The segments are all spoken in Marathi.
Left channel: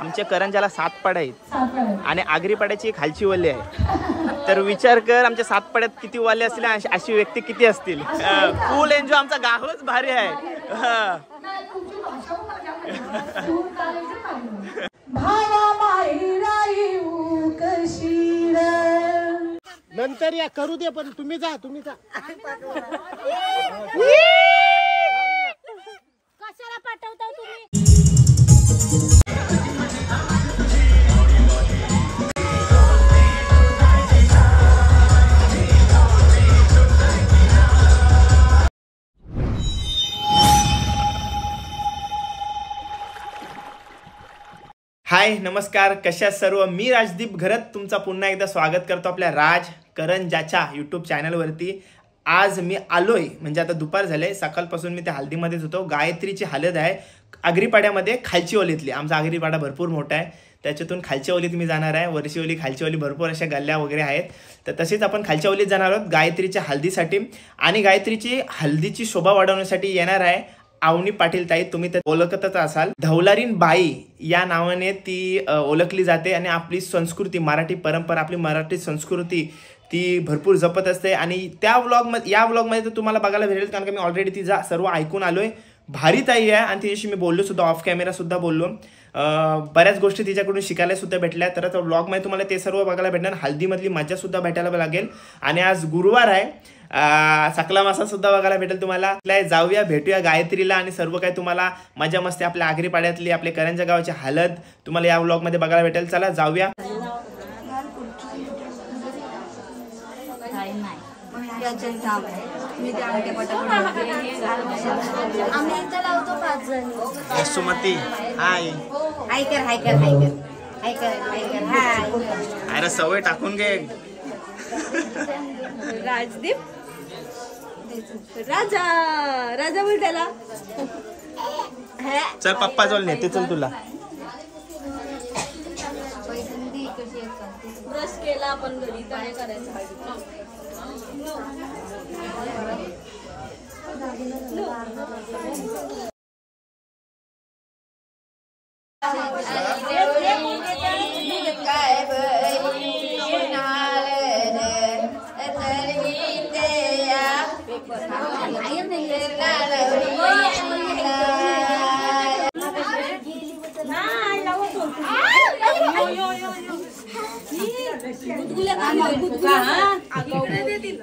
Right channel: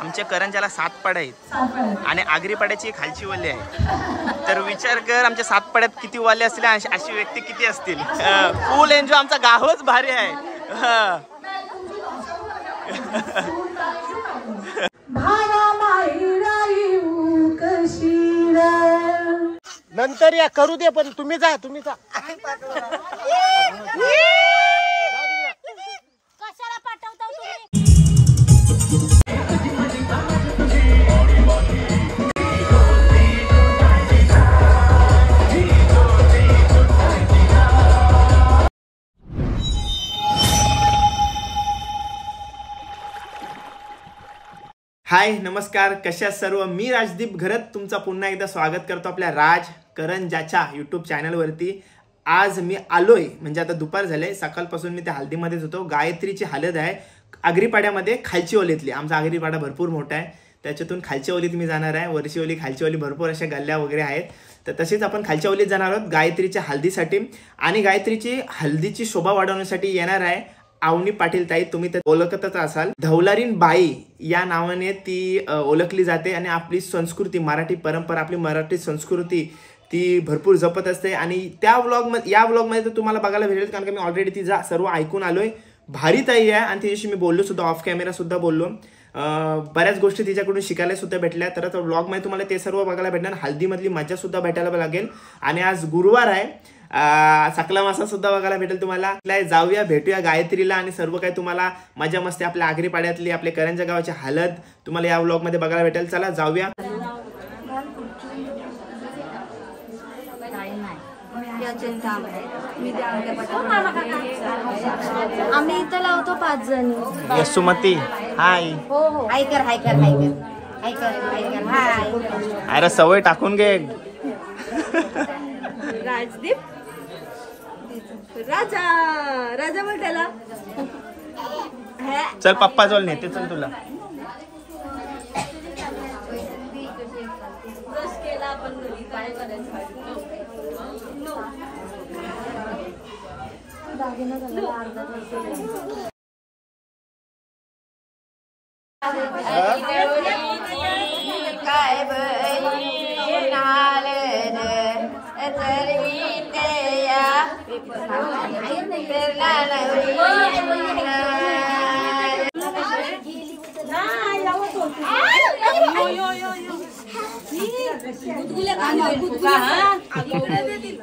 आमच्या करंजाला 7 पाड्या आहेत आणि आगरी पाड्याची खालची वल्ली आहे. तर विचार कर आमच्या 7 पाड्यात किती वाले असतील, अशी व्यक्ती किती असतील. फुल एन्जॉय, आमचा गावच भारी आहे. नंतर या करू दे, पण तुम्ही जा. कशाला पाठवता तुम्ही? हाय नमस्कार, कशा सर्व. मी राजदीप घरत तुमचा पुन्हा एकदा स्वागत करतो आपल्या राज करंजाच्या यूट्यूब चॅनलवरती. आज मी आलोय म्हणजे आता दुपार झाले, सकाळपासून मी त्या हल्दीमध्येच होतो. गायत्रीची हळद आहे आगरीपाड्यामध्ये, खालची ओलीतली. आमचा आगरीपाडा भरपूर मोठा आहे, त्याच्यातून खालच्या ओलीत मी जाणार आहे. वरची ओली, खालची ओली, भरपूर अशा गल्ल्या वगैरे आहेत. तर तसेच आपण खालच्या ओलीत जाणार आहोत गायत्रीच्या हल्दीसाठी. आणि गायत्रीची हल्दीची शोभा वाढवण्यासाठी येणार आहे आवनी पाटील ताई. तुम्ही तर ओळखतच असाल, धवलारीन बाई या नावाने ती ओळखली जाते. आणि आपली संस्कृती, मराठी परंपरा, आपली मराठी संस्कृती ती भरपूर जपत असते. आणि त्या व्लॉगमध्ये, या व्लॉगमध्ये तर तुम्हाला बघायला भेटेल, कारण की मी ऑलरेडी तिचा सर्व ऐकून आलोय. भारी ताई आहे आणि तिच्याशी मी बोललो सुद्धा, ऑफ कॅमेरा सुद्धा बोललो. बऱ्याच गोष्टी तिच्याकडून शिकायला सुद्धा भेटल्या. तर व्लॉगमध्ये तुम्हाला ते सर्व बघायला भेटणार. हल्दीमधली मजा सुद्धा भेटायला लागेल. आणि आज गुरुवार आहे, सकला मासा सुद्धा बघायला भेटेल तुम्हाला. जाऊया, भेटूया गायत्रीला आणि सर्व काही तुम्हाला मजा मस्ती आपल्या आगरीपाड्यातली, आपल्या करंजा गावाची हळद तुम्हाला या व्लॉगमध्ये बघायला भेटेल. चला जाऊया. आम्ही इथं लावतो 5 जण. सुमती हाय. हाय कर. अरे सवय टाकून घे. राजदीप राजा बोल त्याला. चल पप्पा जवळ नेते, चल तुला. ब्रश केला आपण घरी, काय करायचं. काय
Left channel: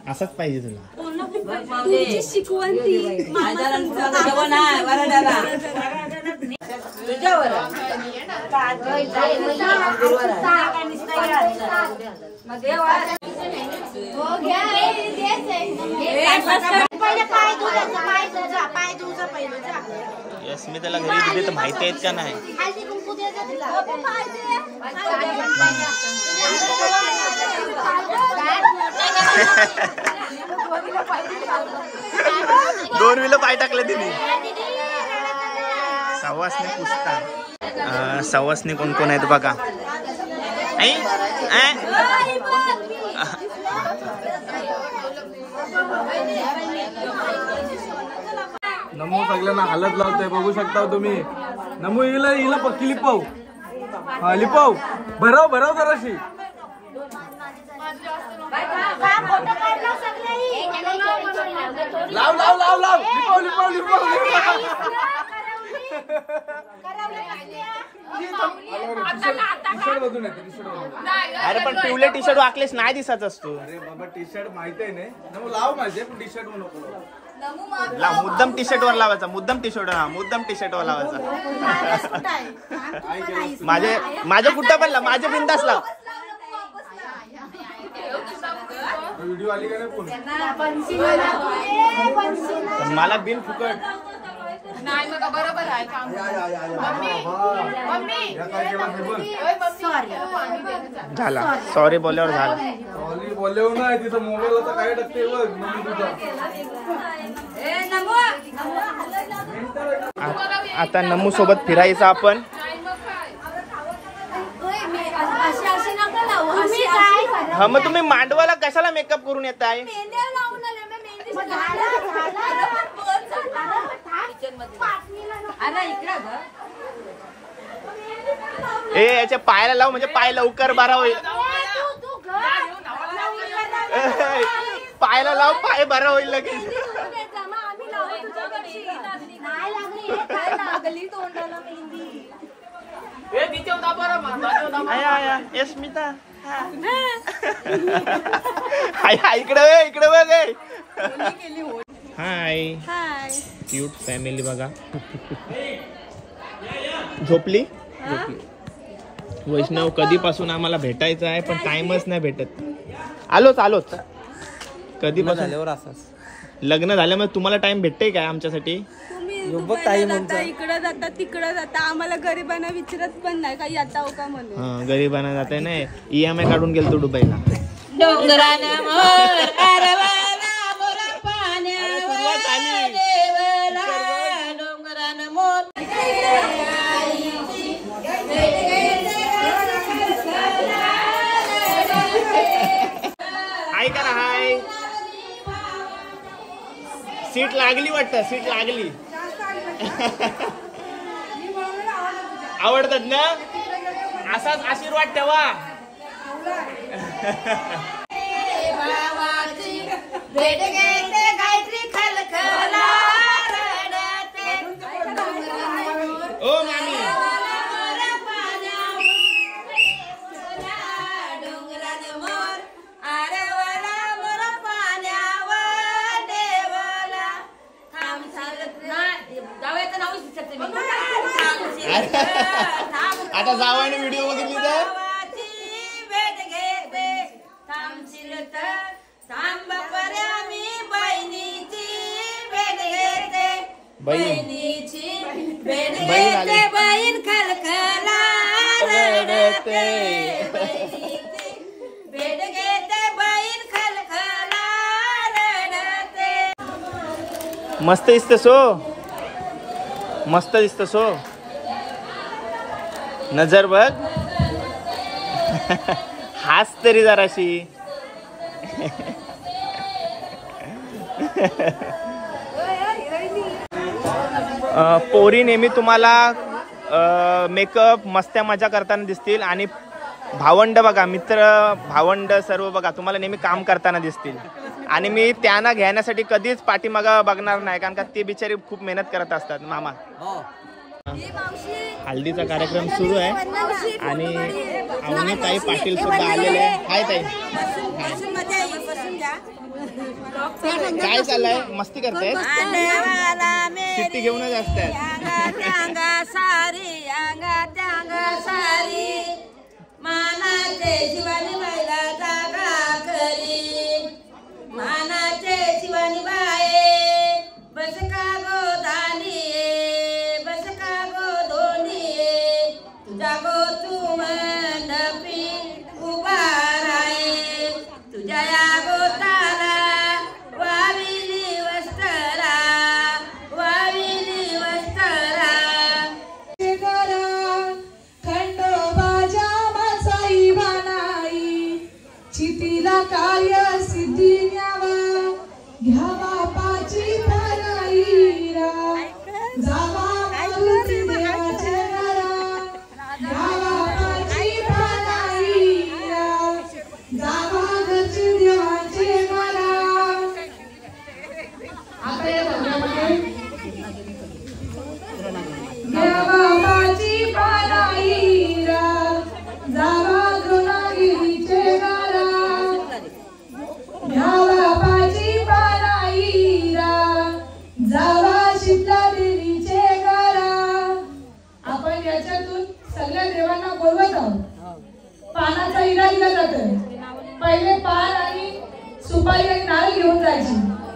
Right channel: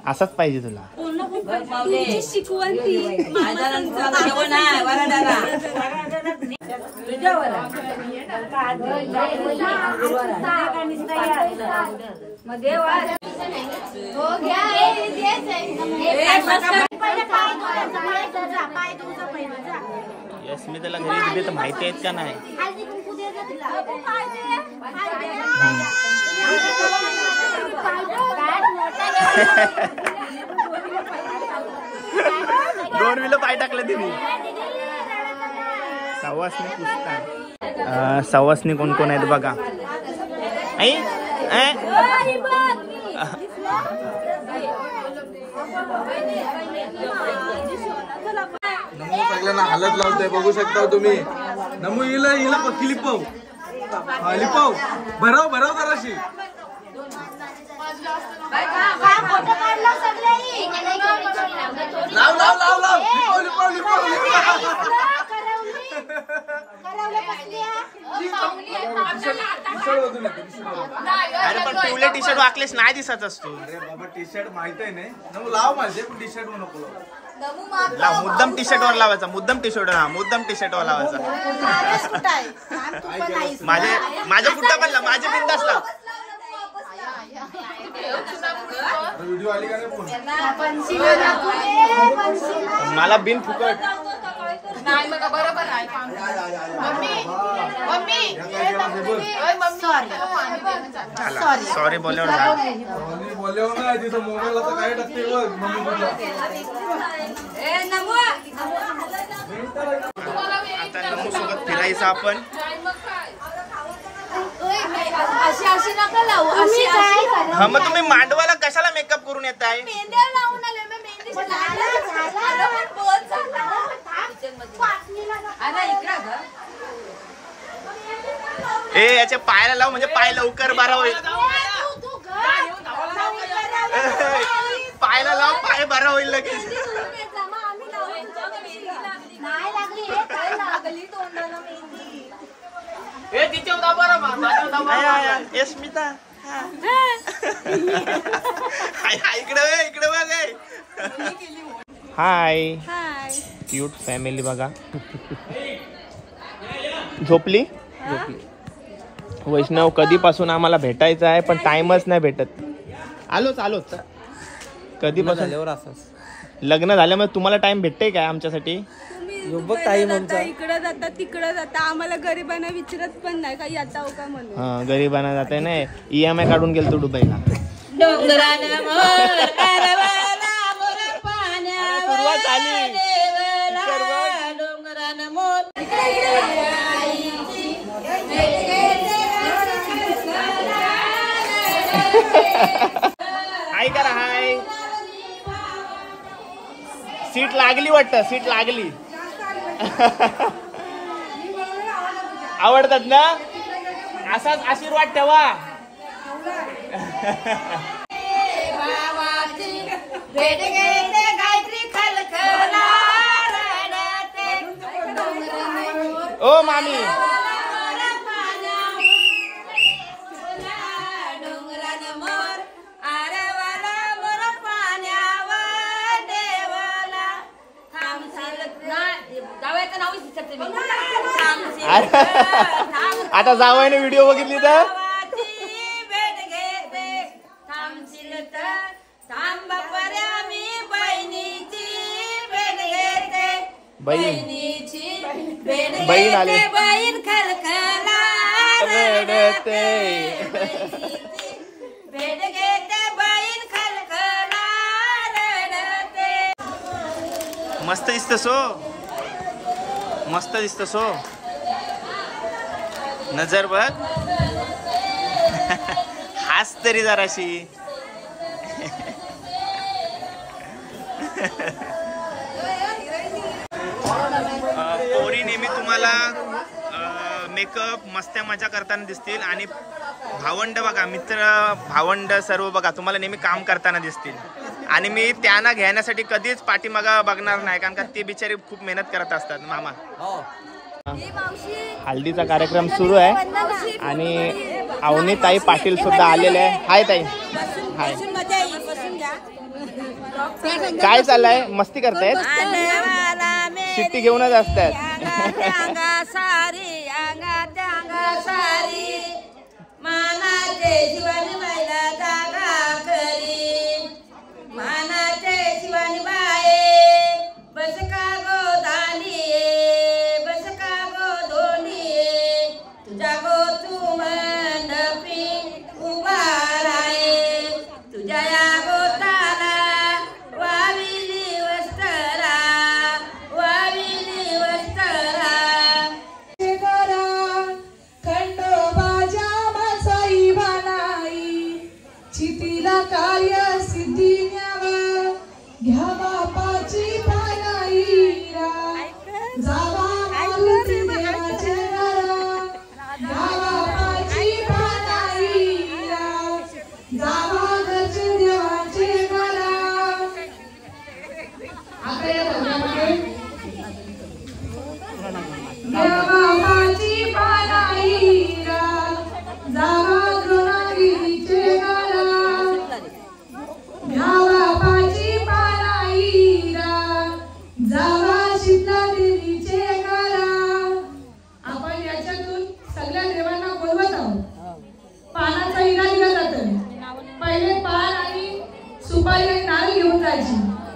असंच पाहिजे तुला. तुझी शिकवण ती यस, मी त्याला घरी दिले तर माहिती आहेत का नाही. दोन विलो पाय टाकले तिने. सवासनी पुसतात. सवासनी कोण कोण आहेत बघा. आई नमो सगळ्यांना हलत लावतोय, बघू शकता तुम्ही. नमो हिला पक्की लिपाव, लिपाव भराव जराशी. अरे पण पिवले टी शर्ट वाकलेस नाही दिसत असतो. अरे बाबा टी शर्ट माहित आहे नाही. नमो लाव माझे, पण टी शर्ट नको लाव. मुद्दाम टी शर्ट वर लावायचा, मुद्दाम टी शर्ट वर लावायचा. माझे कुठं पण माझे बिंदास लाव. व्हिडिओ आली का नाही. मला बिन फुकट. झाला, सॉरी बोलल्यावर झालं. बोलल्यावर नाही, तिथं मोबाईल होता काय टाकते बघ. नमो तुझा आता नमू सोबत फिरायचं आपण. हा मग तुम्ही मांडवाला कशाला मेकअप करून येत आहे? ए याच्या पायाला लाव म्हणजे पाय लवकर बरा होईल. पायाला लाव पाय बरा होईल लगेच. स्मिता इकडे बघ. हाय क्यूट फॅमिली बघा. झोपली. वैष्णव कधीपासून आम्हाला भेटायचं आहे पण टाइमच नाही भेटत. आलोच कधीपासून लग्न झाल्यामुळे तुम्हाला टाइम भेटते काय आमच्यासाठी? इकडे जाता तिकडे जाता आम्हाला गरिबांना विचारत पण नाही काही आता हो का म्हणून. हा गरीबांना जाते नाही. EMI काढून गेलतो दुबईला. सुरुवात झाली. हाय करा हाय. सीट लागली वाटतं. सीट लागली. आवडतात ना? असाच आशीर्वाद ठेवा. ओ मामी आता जावायने व्हिडिओ बघितली तर बहीण आली. बहीण खलखला रडते. भेट घेते बहीण खलखला रडते. मस्त दिसतसो. मस्त दिसतसो. नजर बघ. हास तरी जराशी. पोरी नेहमी तुम्हाला मेकअप मस्त्या मजा करताना दिसतील आणि भावंड बघा मित्र भावंड सर्व बघा तुम्हाला नेहमी काम करताना दिसतील. आणि मी त्यांना घेण्यासाठी कधीच पाठीमागं बघणार नाही कारण का ते बिचारी खूप मेहनत करत असतात. मामा हल्दीचा कार्यक्रम सुरू आहे आणि अवनी ताई पाटील सुद्धा आलेले आहे. हाय ताई. हाय. काय चाललंय? मस्ती करतायत? चिठ्ठी घेऊनच असतात. मानाचे शिवानी बाईला जागा करी. मानाचे शिवानी बाई बस का गो दांडी बस का गो धोंडी तुझ्या गो तू मंडपी उभा राहे. तुझ्या या गोताला वाविली वस्तरा वाविली वस्तरा. चितीला कार्य सिद्धी न्यावा घ्या बापाची पानाईरा जावा मारुती देवाचे घरा घ्या बापाची पानाईरा जावा घरचे देवाचे घरा. आता या भागामध्ये घ्या बापाची पानाईरा जावा द्रोणागिरीचे घरा घ्या बापाची पानाईरा जावा शीतला देवीचे घरा. आपण याच्यातून सगळ्या देवांना बोलवत आहोत. पानाचा इरा दिला जातो. पहिले पान आणि सुपारी आणि नारळ घेऊन जायची.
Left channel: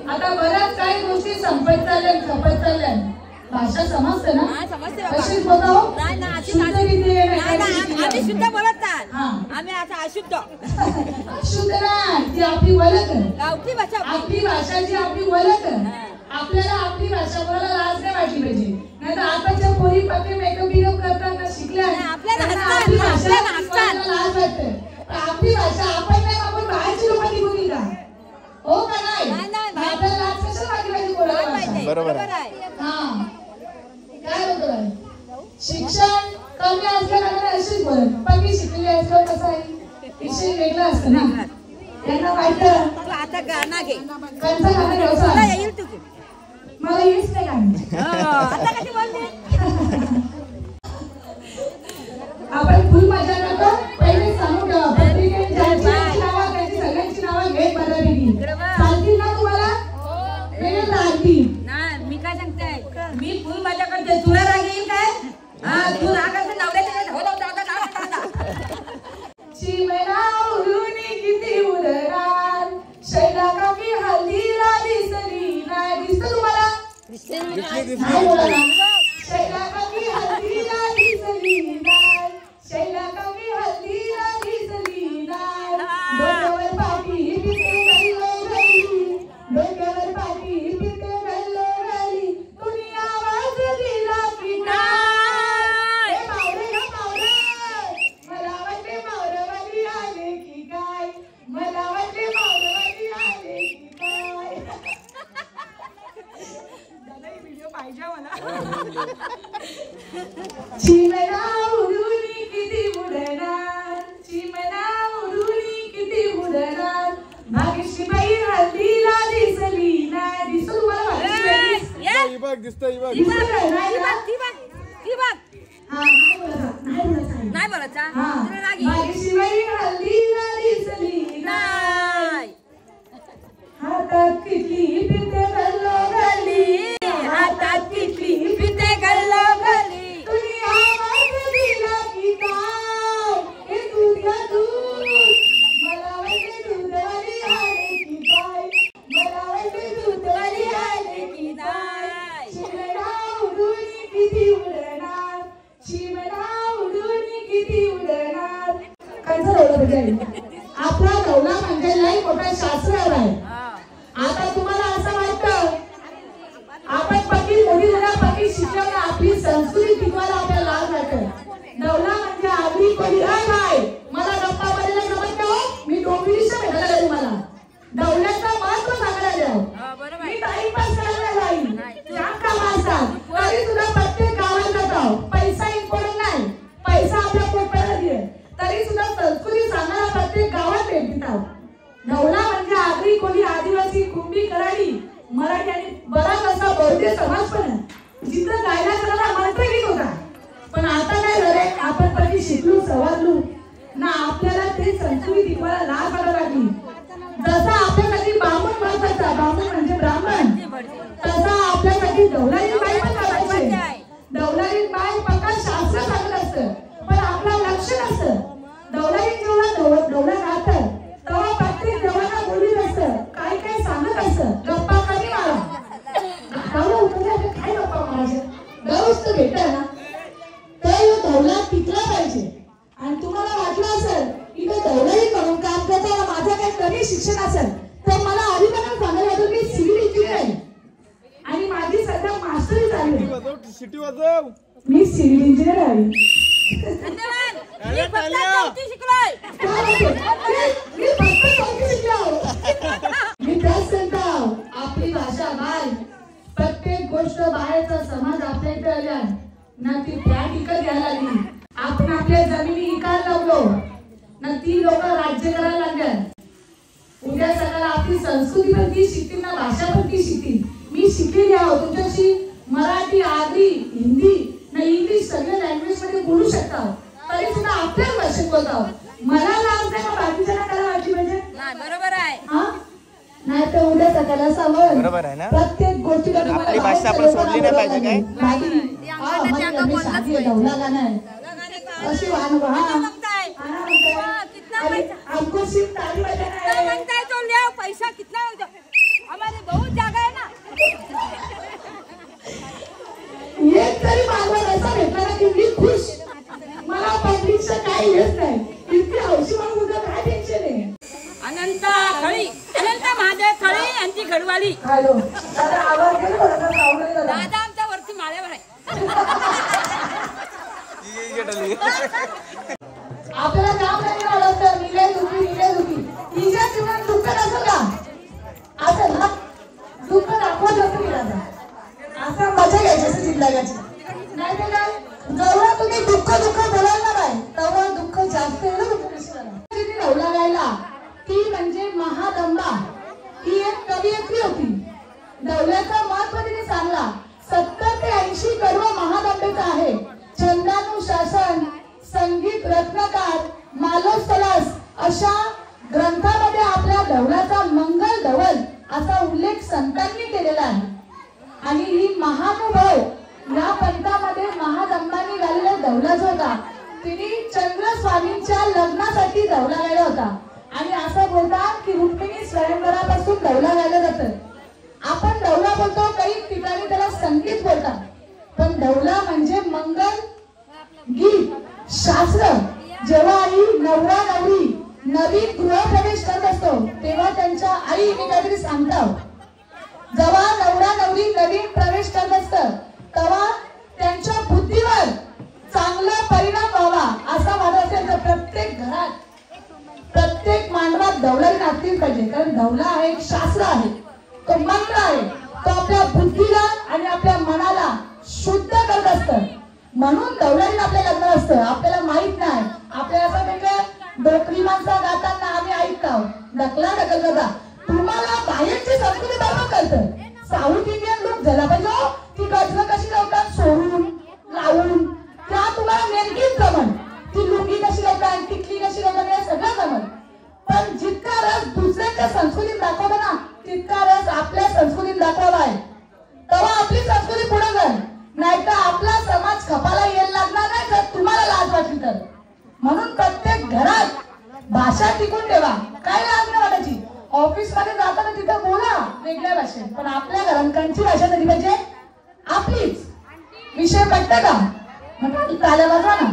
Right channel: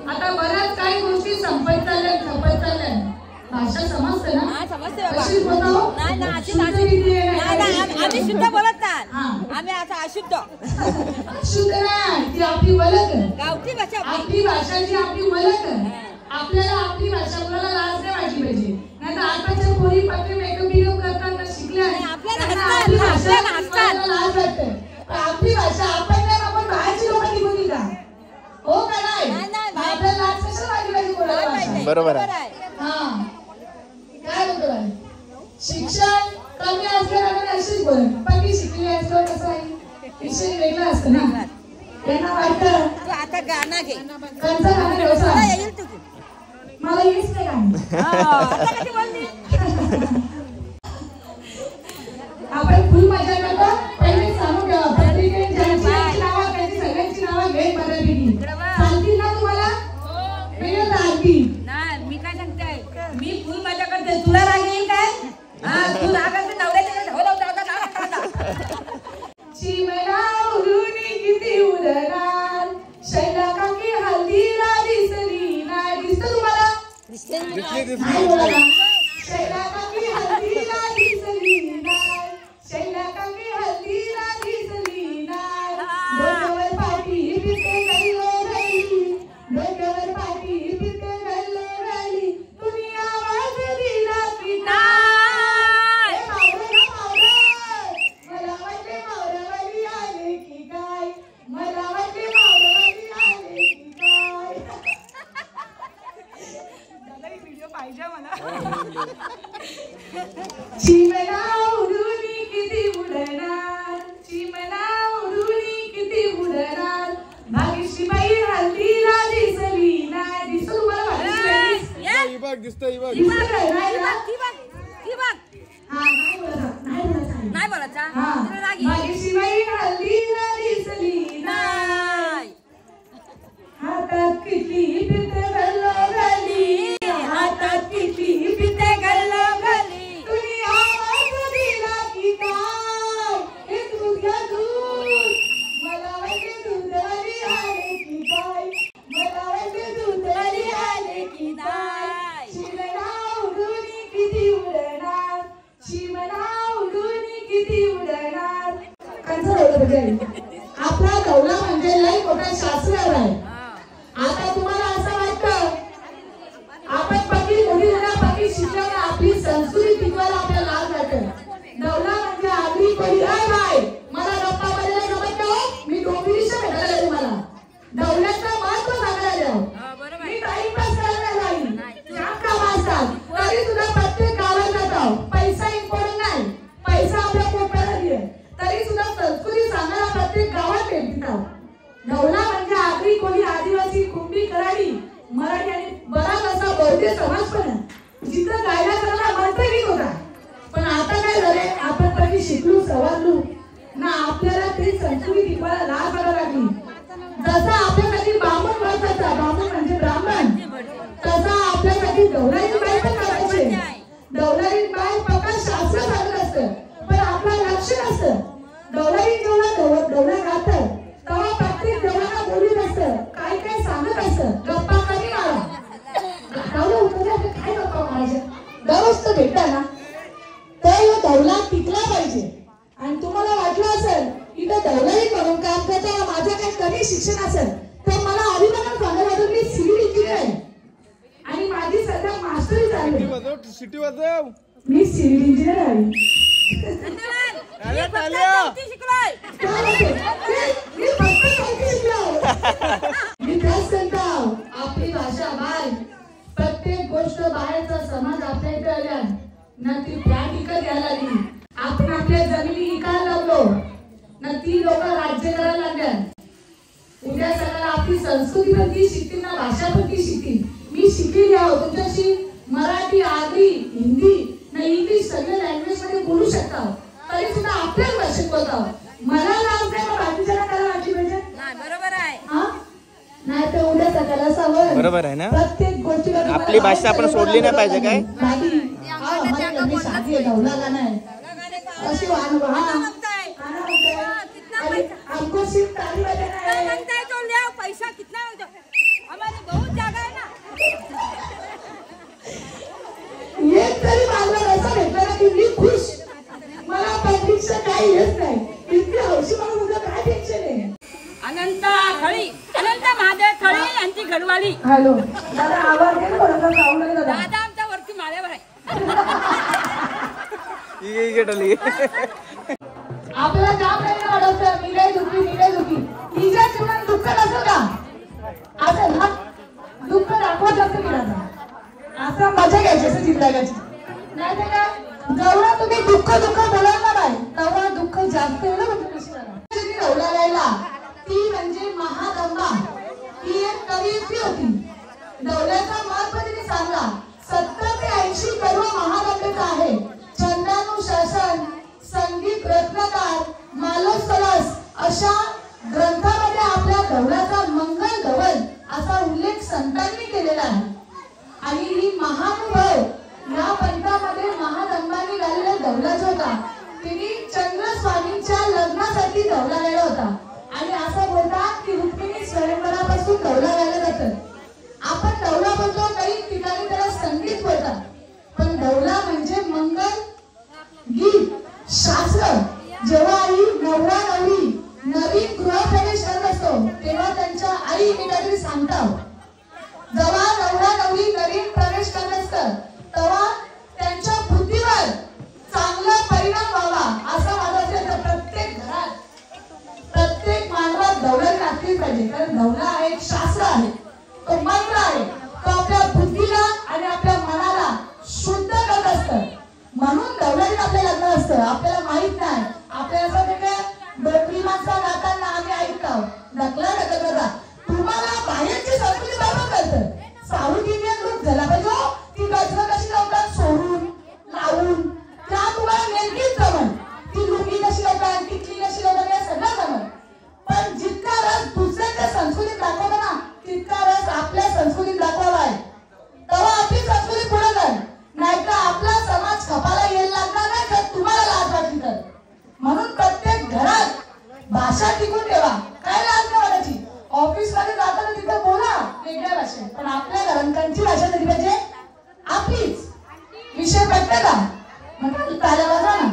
आता बऱ्याच काही गोष्टी संपत चालल्या. भाषा समजते ना? कशी बोलतो? आम्ही शुद्ध बोलत नाही. आम्ही आता अशुद्ध. अशुद्ध नाही ती आपली वलक. गावठी भाषा. आपली भाषा जी आपली वलक. आपल्याला आपली भाषा कोणाला लाज नाही वाटली पाहिजे. नाही तर आताच्या पोरी पत्ते मेकअप करताना शिकल्या आपली भाषा लाज वाटते. आपली भाषा आपण नाही बरोबर आहे. हा काय बोलतो बाई? शिक्षण कमी असल्याकडे अशीच बोलत पक्की शिकलेली असल्यावर कसं आहे विषय वेगळा असतं ना. त्यांना वाटतं तू आता गाणं घे. कंचा गाणं व्यवसाय येईल तू. मला येईच नाही गाणं. आता कधी बोलली? आपण फुल मजा करतो. पहिले सांगू द्या पत्रिकेत ज्यांची नावं त्यांची सगळ्यांची नावं घेत बऱ्यापैकी चालतील ना तुम्हाला? हे चालतील. नाही मी काय सांगते मी फुल मजा करते. तुला राग येईल काय? हा तू राग असते नवऱ्याच्या हो चिमणा उडून किती उडणार शैला काकी हल्दीला दिसली नाही. दिसतं तुम्हाला? नाही बोला ना. शैला काकी हल्दीला दिसली नाही. शैला काकी हल्दीला दिसली नाही. डोक्यावर पाठी फिरते गल्लो गल्ली. डोक्यावर पाठी फिरते गल्लो गल्ली. तुम्ही आवाज दिला की नाही? मला वाटते मावरवाली आले की काय? मला वाटते मावरवाली आले की काय? दादा ही व्हिडिओ पाहिजे मला. चिमणा उडून किती उडणार. चिमणा उडून किती उडणार. भाग्यश्री बाई हल्दीला दिसली नाही. दिसतो तुम्हाला भाग्यश्री बाई? दिसतं काय? नाही ना? हा नाही बोलत. नाही बोलत. नाही बोलायचा. हा भाग्यश्री बाई हल्दीला दिसली नाही. हातात किटली फिरते गल्लो गल्ली. हातात किटली फिरते गल्लो गल्ली. तुम्ही आवाज दिला की काय? हे दूध घ्या दूध. मला वाटते दूधवाली आले की काय? मला वाटते दूधवाली आले की नाही. चिमणा उडून किती उडणार. चिमणा उडून किती उडणार. कंचा रोवला पाहिजे. आपला दौला म्हणजे लई मोठा शास्त्र आहे. आता तुम्हाला असं वाटतं आपण पक्की मोठी पक्की शिकवलं आपली संस्कृती टिकवायला आपल्याला लाज वाटतं. दौला म्हणजे आगरी कोणी काय मला गप्पा मारायला जमत नाही. मी डोंबिवलीच्या भेटायला तुम्हाला दौल्याचं महत्व सांगायला द्या. मी टाइमपास करायला जाईल. जाम काम असतात तरी सुद्धा प्रत्येक गावात जातो. पैसा इम्पॉर्टंट नाही. पैसा आपल्या पोटाला दिले तरी सुद्धा संस्कृती सांगायला प्रत्येक गावात भेटतात. दौला म्हणजे आगरी कोळी आदिवासी कुंभी कराडी मराठी आणि बराच असा बौद्ध समाज पण आहे. जिथं गायला करायला मंत्र गीत होता. पण आता काय झालंय आपण कधी शिकलो सवारलो ना आपल्याला ते संस्कृती टिकवायला लाज वाटायला लागली. जसा आपल्यासाठी बामण बसायचा बामण म्हणजे ब्राह्मण तसा आपल्यासाठी दौलारी बाई पण करायचे. दौलारी बाई पक्का शास्त्र सांगत असतं पण आपला लक्ष नसतं. दौलारी जेव्हा दौला राहतं तेव्हा प्रत्येक देवाला बोलत असतं काय काय सांगत असतं. गप्पा कमी मारा दौला उतरल्या काय गप्पा मारायच्या दररोज तर भेटता ना. तर दौला टिकला पाहिजे. आणि तुम्हाला वाटलं असेल इथं दौलारी करून काम करताना माझं काही कमी शिक्षण असेल तर मला अभिमानाने सांगायला वाटतं मी सिव्हिल इंजिनियर आहे आणि माझी सध्या मास्टरी झाली. मी सिव्हिल इंजिनियर आहे. मी त्याच सांगतो आपली भाषा बाय प्रत्येक गोष्ट बाहेरचा समाज आपल्या इथे आल्या ना ती त्या ठिकाणी यायला लागली. आपण आपल्या जमिनी विकायला लागलो ना ती लोक राज्य करायला लागल्या. उद्या सकाळला आपली संस्कृती पण ती शिकतील ना भाषा पण ती शिकतील. मी शिकलेली आहो तुमच्याशी मराठी आगरी हिंदी ना इंग्लिश सगळ्या लँग्वेज मध्ये बोलू शकता तरी सुद्धा आपल्याच भाषेत बोलतो. मला लाज नाही का बाकीच्या करायला वाटली पाहिजे. बरोबर आहे. हा नाही तर उद्या सकाळला सावध बरोबर आहे ना. प्रत्येक गोष्टी आपली भाषा आपण सोडली नाही पाहिजे काय. अशी हमको सिर्फ ताली बजाना है. पैसा कितना हमारे बहुत जागा है ना. एक तरी मागवत असा भेटला ना की मी खुश. मला पब्लिकचं काही येत नाही. इतकी हौशी म्हणून तुझं काय टेन्शन आहे. अनंत थळी अनंत महादेव थळी यांची घरवाली. हॅलो दादा आमच्या वरती माळ्यावर आहे. आपल्याला काम नाही वाढवतं. निलय दुखी तिच्या जीवनात दुःख नसतं का. असं ना दुःख दाखवत असतं. जास्त डौलाला ती म्हणजे महादंबा. ती एक कवयित्री होती. डौलाचा महत्व तिने सांगला. 70 ते 80 कडवा महादंबेचा आहे. छंदानुशासन, संगीत रत्नकार, मालोसरस अशा ग्रंथामध्ये आपल्या डौलाचा मंगल धवल असा उल्लेख संतांनी केलेला आहे. आणि ही महानुभाव या पंथामध्ये महादंबानी घाललेला डौला जो होता तिने चंद्रस्वामींच्या लग्नासाठी डौला गायला होता. आणि असं बोलतात की रुक्मिणी स्वयंवरापासून डौला गायला जातं. आपण डौला बोलतो, काही ठिकाणी त्याला संगीत बोलतात, पण डौला म्हणजे मंगल गीत शास्त्र. जेव्हा आई नवरा नवरी नवीन गृहप्रवेश करत असतो तेव्हा त्यांच्या आई काहीतरी सांगतात. जेव्हा नवरा नवरी नवीन प्रवेश करत असतात तेव्हा त्यांच्या बुद्धीवर चांगला परिणाम व्हावा असा माझा असेल तर प्रत्येक घरात प्रत्येक मानवात डौला घातली पाहिजे. कारण डौला हा एक शास्त्र आहे, तो मंत्र आहे, तो आपल्या बुद्धीला आणि आपल्या मनाला शुद्ध करत असतं. म्हणून डौलाही आपल्या घातलं असतं. आपल्याला माहित नाही, आपल्याला असं वेगळं डोकरी माणसं गाताना आम्ही ऐकतो ढकला ढकल बघा. तुम्हाला बाहेरची संस्कृती बरोबर कळतं. साऊथ इंडियन लोक झाला पाहिजे ती गजलं कशी लावतात सोडून लावून त्या तुम्हाला नेमकीच जमन. ती लुंगी कशी लावतात, टिकली कशी लावतात हे सगळं जमन. पण जितका रस दुसऱ्याच्या संस्कृतीत दाखवला ना तितका रस आपल्या संस्कृतीत दाखवला आहे. तेव्हा आपली संस्कृती पुढे जाईल. नाहीतर आपला समाज खपाला यायला लागणार नाही जर तुम्हाला लाज वाटली तर. म्हणून प्रत्येक घरात भाषा टिकून ठेवा. काय लाज नाही वाटायची. ऑफिस मध्ये जाताना तिथं बोला वेगळ्या भाषेत, पण आपल्या घरांची भाषा कधी पाहिजे आपलीच. विषय पटते का? म्हणजे ताल्या वाजा ना.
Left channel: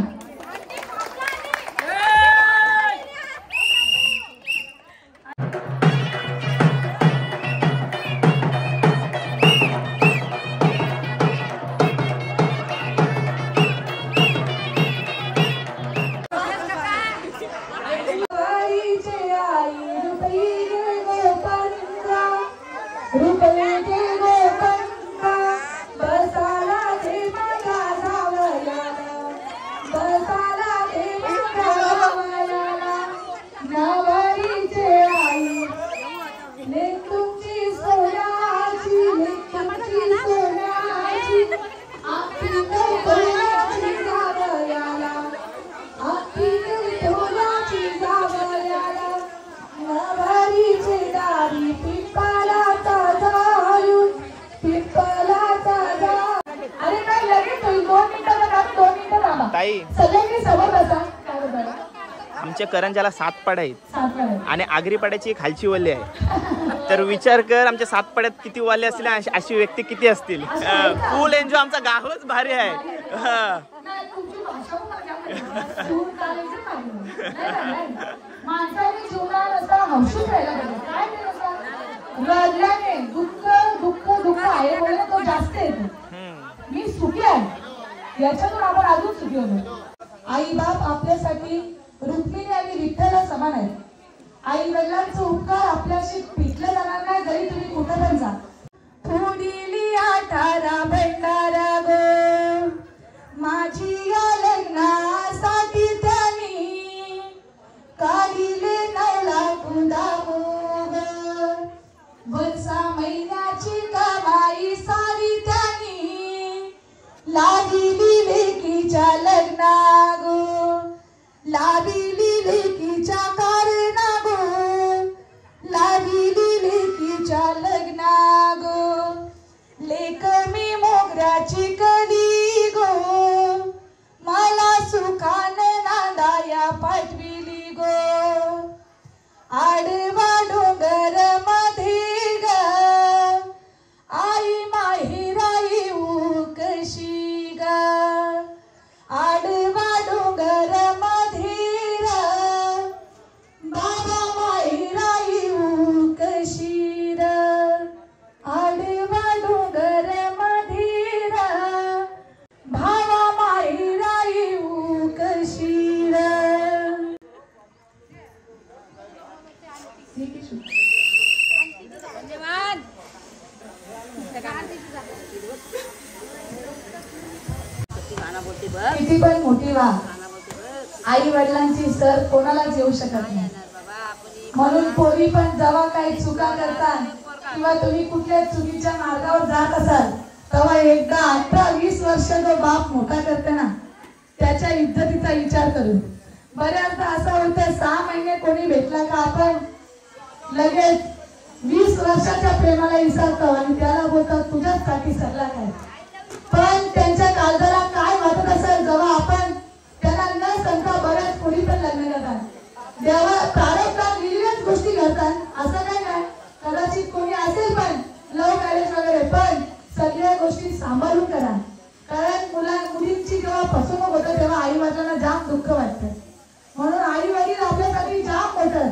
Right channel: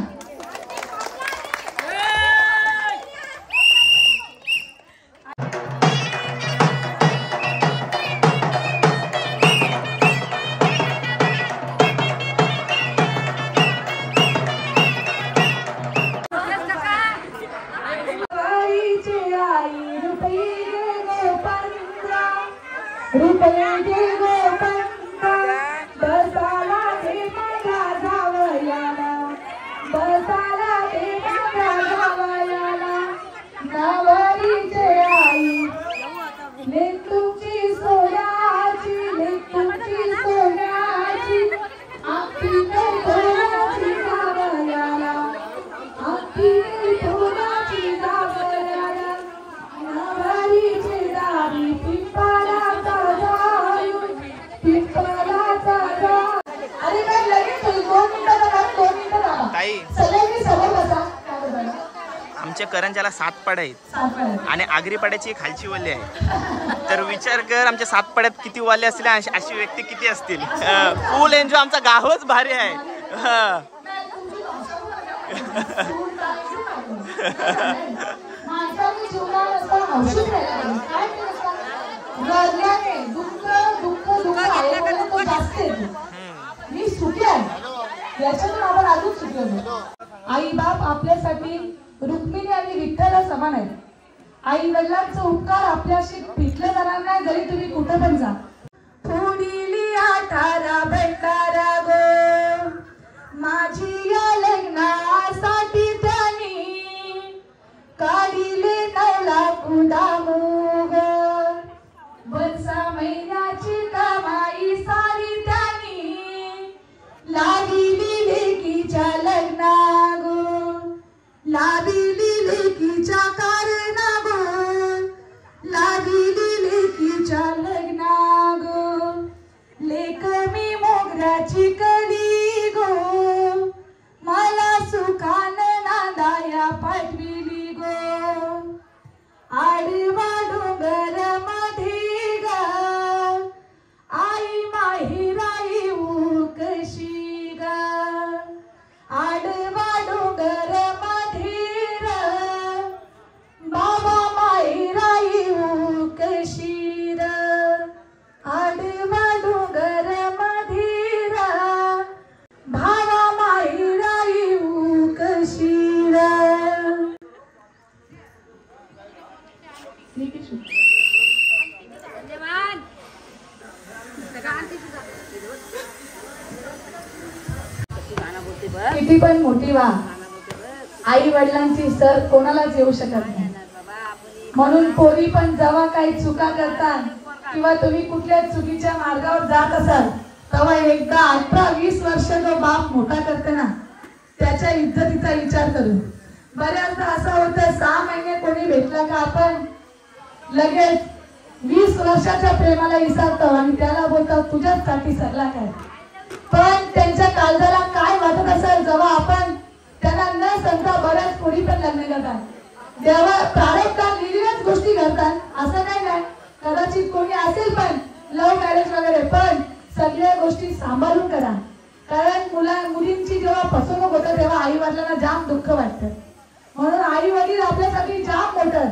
आमच्या करंजाला 7 पाड्या आहेत आणि आगरी पाड्याची खालची वल्ली आहे. तर विचार कर आमच्या 7 पाड्यात किती वाले असतील, अशी व्यक्ती किती असतील. फुल एन्जॉय. आमचा गावच भारी आहे. आई बाप आपल्यासाठी रुक्मिणी आणि विठ्ठल समान आहे. आई वडिलांचा उपकार आपल्याशी पिटले जाणार नाही जरी तुम्ही कुठे पण जा. थोडीली आठारा भंडारा गो माझी या लग्नासाठी त्यांनी काढिले नैला कुंडामू ग. वर्षा महिन्याची कामाई सारी त्यांनी लाविली लेकीच्या लग्ना गो लाविली लेकीच्या कारणा गो लाविली लेकीच्या लग्ना गो. लेक मी मोगऱ्याची कली गो मला सुखान नांदाया पाठविली गो. आडवा डोंगर मध्ये ग आई माहिराई कशी ग. आडवा डोंगर मध्ये बाबा माहिराई कशी र. आडवा डोंगर मध्ये भावा माहिराई कशी र. किती पण मोठी वा आई वडिलांची सर कोणालाच येऊ शकत नाही. म्हणून पोरी पण जेव्हा काही चुका करतात किंवा तुम्ही कुठल्या चुकीच्या मार्गावर जात असाल तेव्हा एकदा 18-20 वर्ष जो बाप मोठा करते ना त्याच्या इज्जतीचा विचार करू. बऱ्याचदा असं होतं 6 महिने कोणी भेटला का आपण लगेच 20 वर्षाच्या प्रेमाला विसरतो आणि त्याला बोलतो तुझ्यासाठी सल्ला काय. पण त्यांच्या काळजाला काय वाटत असेल जेव्हा आपण त्यांना न सांगता बऱ्याच पुढी पण लग्न करतात. देवा प्रारब्धात लिहिल्याच गोष्टी घडतात असं काही नाही. कदाचित कोणी असेल पण लव्ह मॅरेज वगैरे पण सगळ्या गोष्टी सांभाळून करा. कारण मुलींची जेव्हा फसवणूक होतं तेव्हा आई वडिलांना जाम दुःख वाटतं. म्हणून आई वडील आपल्यासाठी जाम मोठं.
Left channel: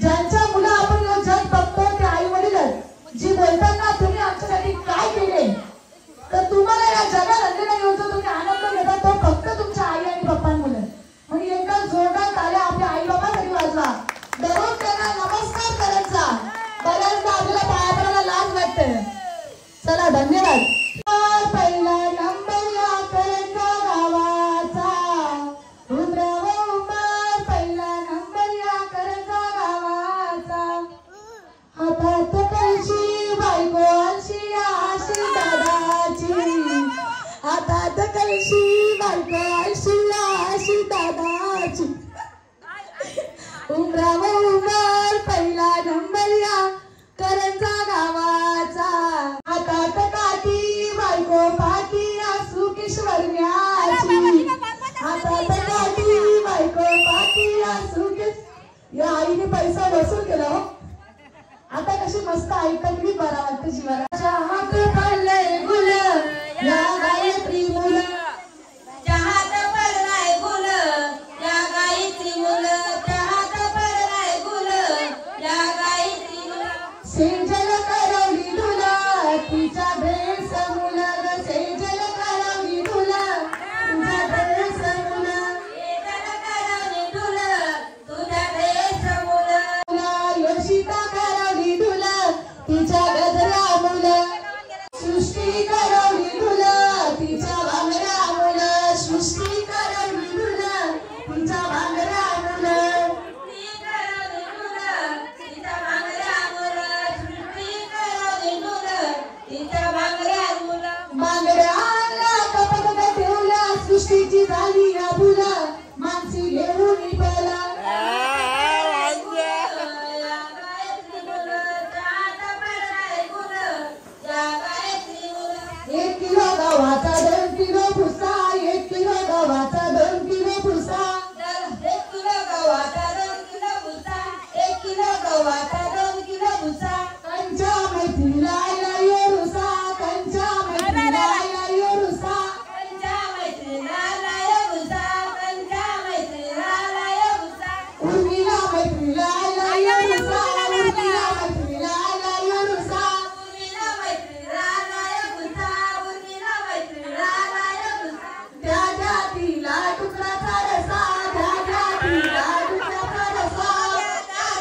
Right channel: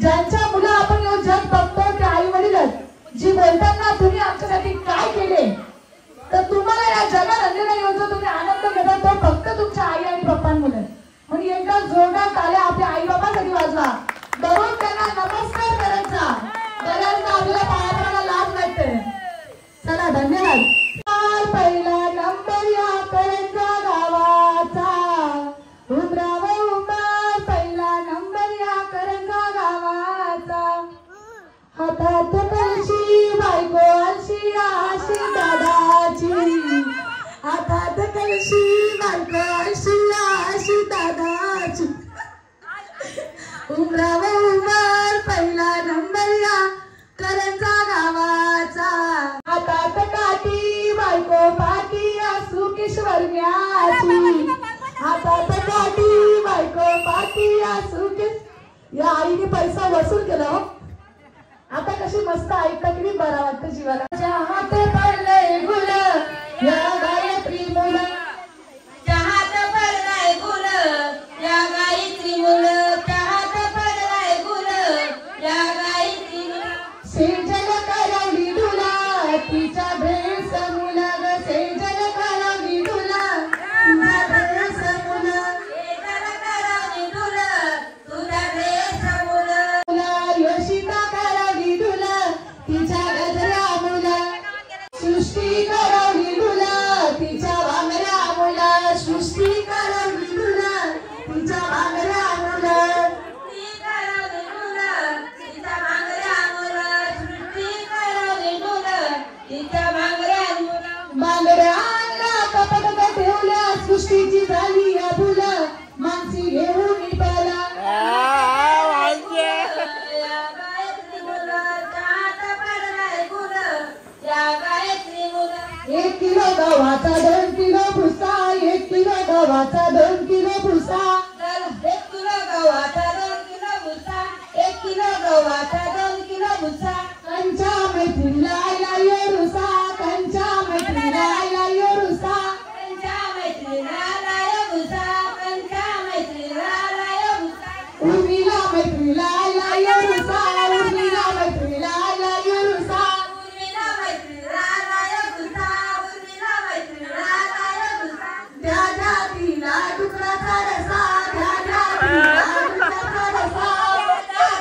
ज्यांच्या मुलं आपण येऊन जग बघतो ते आई वडीलच जी बोलतात ना तुम्ही आमच्यासाठी काय केले तर तुम्हाला या जगात अंधेरा येऊन जो तुम्ही आनंद घेतात तो फक्त तुमच्या आई आणि पप्पांमुळे. म्हणून एकदा जोरदार टाळ्या आपल्या आई बाबांसाठी वाजवा. दररोज त्यांना नमस्कार करायचा. बऱ्याचदा आपल्या पायाला लाज वाटते. चला धन्यवाद. पहिला नंबर या करंजा गावाचा रुद्राव उंबर. पहिला नंबर या करंजा गावाचा. हातात कळशी बायको आशी आशी दादाची. हातात कळशी बायको आशी आशी दादाची. उमराव उंबर पहिला नंबर या करंजा गावाचा. हातात काठी बायको पाठी असू किशोरण्याची. हातात काठी बायको पाठी असू या आईने पैसा वसूल केला. आता कशी मस्त ऐकता किती बरा वाटतं जीवाला. चहात पडले गुल या गायत्री मुलं. चहात पडलाय गुल या गायत्री मुलं. चहात पडलाय गुल या गायत्री मुलं. सेजल करवली तुला तिचा ड्रेस मुला. सेजल करवली तुला तुझा ड्रेस मुला. सेजल करवली तुला तुझा ड्रेस मुलं. योशिता करवली तुला तिच्या गजरा मुला. सृष्टी करवली तुला तिच्या भांगऱ्या मुला. सृष्टी करवली तुला तिच्या भांगऱ्या मुला. सृष्टी करवली तुला तिच्या भांगऱ्या मुलं. सृष्टी करवली तुला तिच्या भांगऱ्या मुलं. भांगऱ्याला कपडे ठेवल्या सृष्टीची झाली या फुला. मानसी घेऊन निघाला. या गायत्री मुलं. चहात पडलाय गुल या गायत्री मुलं. 1 किलो गव्हाचा 2 किलो भुसा. 1 किलो गव्हाचा 2 किलो भुसा. 1 किलो गव्हाचा 2 किलो भुसा. 1 किलो गव्हाचा 2 किलो भुसा. कंच्या मैत्रीला आला येरुसा. कंच्या मैत्रीला आला येरुसा. कंच्या मैत्रीला लाय भुसा. कंच्या मैत्रीला लाय भुसा. उर्मिला मैत्रीला आला येरुसा. उर्मिला मैत्रीला आला येरुसा. उर्मिला मैत्रीला लाय भुसा. उर्मिला मैत्रीला लाय भुसा. द्या द्या तिला डुकराचा रसा. द्या द्या तिला डुकराचा रसा.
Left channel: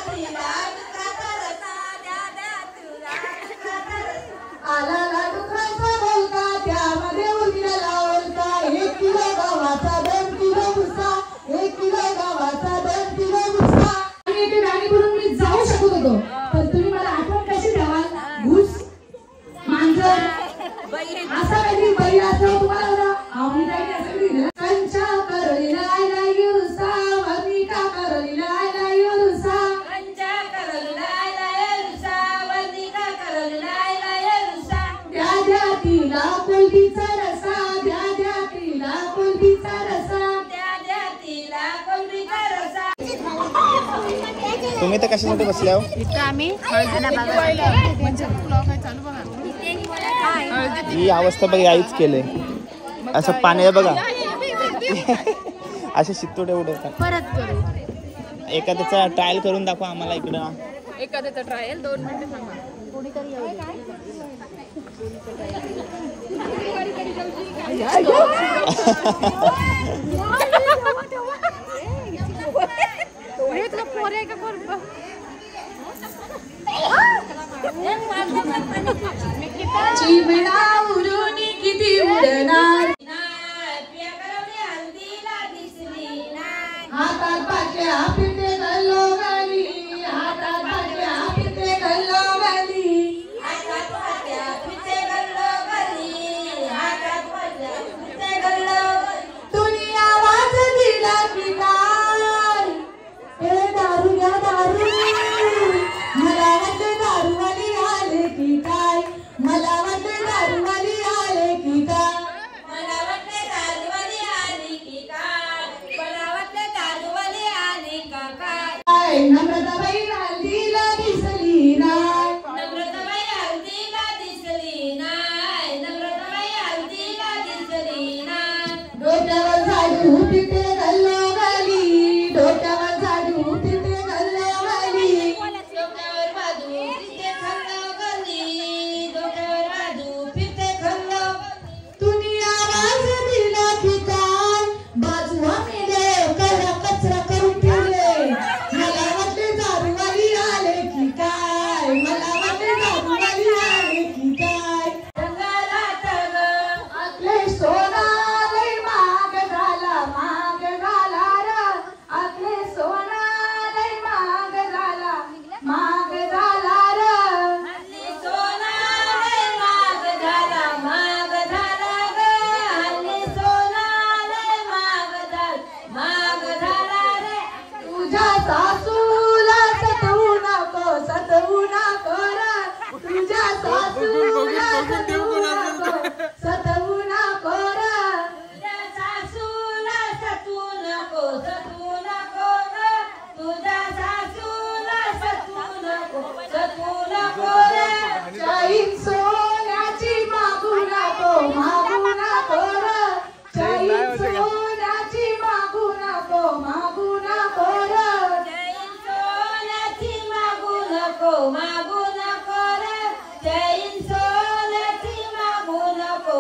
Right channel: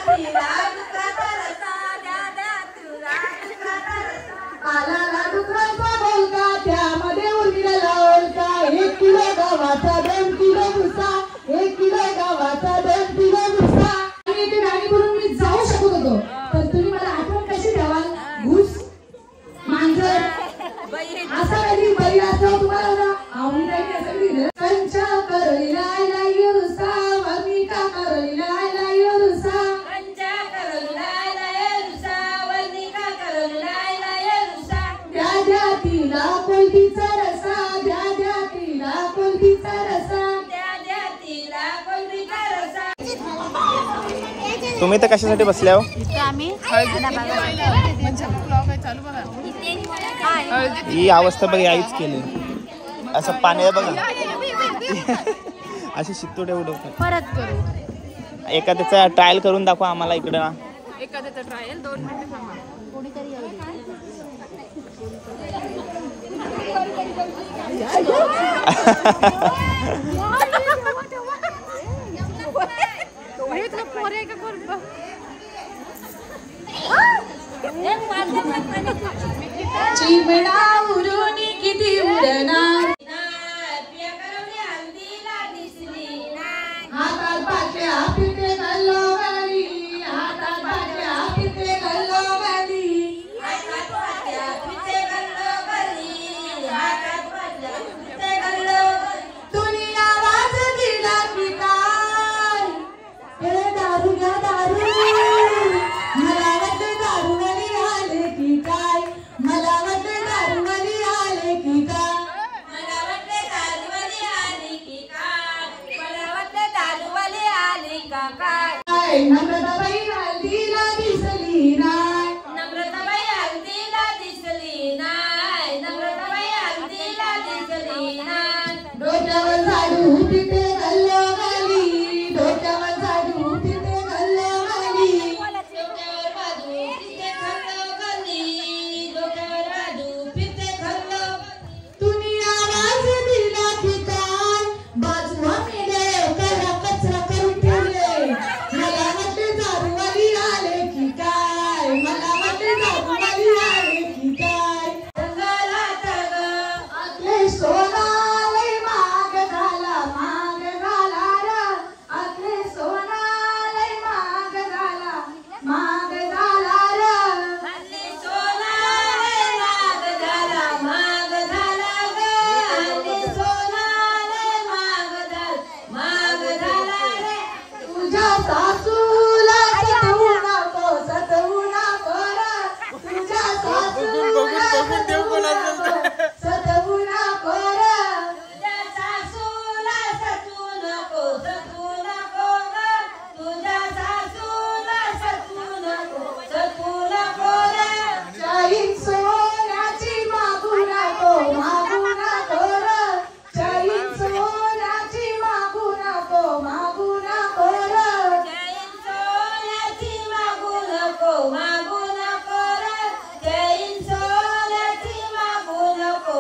तिला डुकराचा रसा. द्या द्या तिला डुकराचा रसा. आला ला डुकराचा बोलका त्यामध्ये उर्मिला ओळखा. 1 किलो गव्हाचा 2 किलो भुसा. 1 किलो गव्हाचा 2 किलो भुसा. आणि इथे गाडी करून मी जाऊ शकत होतो पण तुम्ही मला आठवण कशी ठेवाल. घुस मांजर असा कधी बैल असं तुम्हाला आवडी नाही असं कधी नाही. कंच्या करलीला आला येरुसा. वर्णिका करलीला आला येरुसा. कंच्या करलीला लाय भुसा. वर्णिका करलीला लाय भुसा. द्या द्या तिला कोलबीचा रसा. द्या द्या तिला कोलबीचा रसा. द्या द्या तिला कोलबीचा रसा. तुम्ही तर कशासाठी बसल्या हो? ही अवस्था बघा आईच केले. असं पाणी बघा असे शित्तोडे उडवतात. परत करू. एखाद्याचा ट्रायल करून दाखवा आम्हाला इकडं. एखाद्याचा ट्रायल 2 मिनिटं थांबा. कोणीतरी येऊ दे. पोरे का कोण चिमणा उरून किती उडणार. पिया करवली हल्दीला दिसली. फिरते गल्लोगल्ली, हातात बाटल्या फिरते गल्लोगल्ली, हातात बाटल्या फिरते गल्लोगल्ली, हातात बाटल्या फिरते गल्लोगल्ली. दुनिया वाज दिला की काय, हे दारू घ्या दारू, मला वाटले दारूवाली आले की काय, मला वाटले दारूवाली आले की काय, मला वाटले दारूवाली आली की काय, मला वाटले दारूवाली आली का काय. नम्रताबाई हल्दीला दिसली नाय, नम्रताबाई हल्दीला दिसली नाय, नम्रताबाई हल्दीला दिसली नाय. डोक्यावर झाडू तिथे गल्लोगल्ली, डोक्यावर झाडू तिथे गल्लोगल्ली, डोक्यावर बाजू फिरते गल्लोगल्ली, डोक्यावर बाजू फिरते गल्लोगल्ली. दुनिया वाज दिला की काय, बाजू आम्ही देव करा कचरा करून ठेवले, मला वाटले दारूवाली आले की काय, मला वाटले दारूवाली आले की काय. आपले सोना लय महाग झाला र, आपले सोना लय महाग झाला र. हल्ली सोना लय महाग झाला, महाग झाला ग. हल्ली सोना लय महाग झाला रे. तुझ्या सासूला सतवू नको र, तुझ्या सासूला सतवू नको र. तुझ्या सासूला सतू नको ग. तुझ्या सासूला सतू नको रे. चाईन सोन्याची मागू नको र, चाईन सोन्याची मागू नको र. जैन सोन्याची मागू नको रे. जैन सोन्याची मागू नको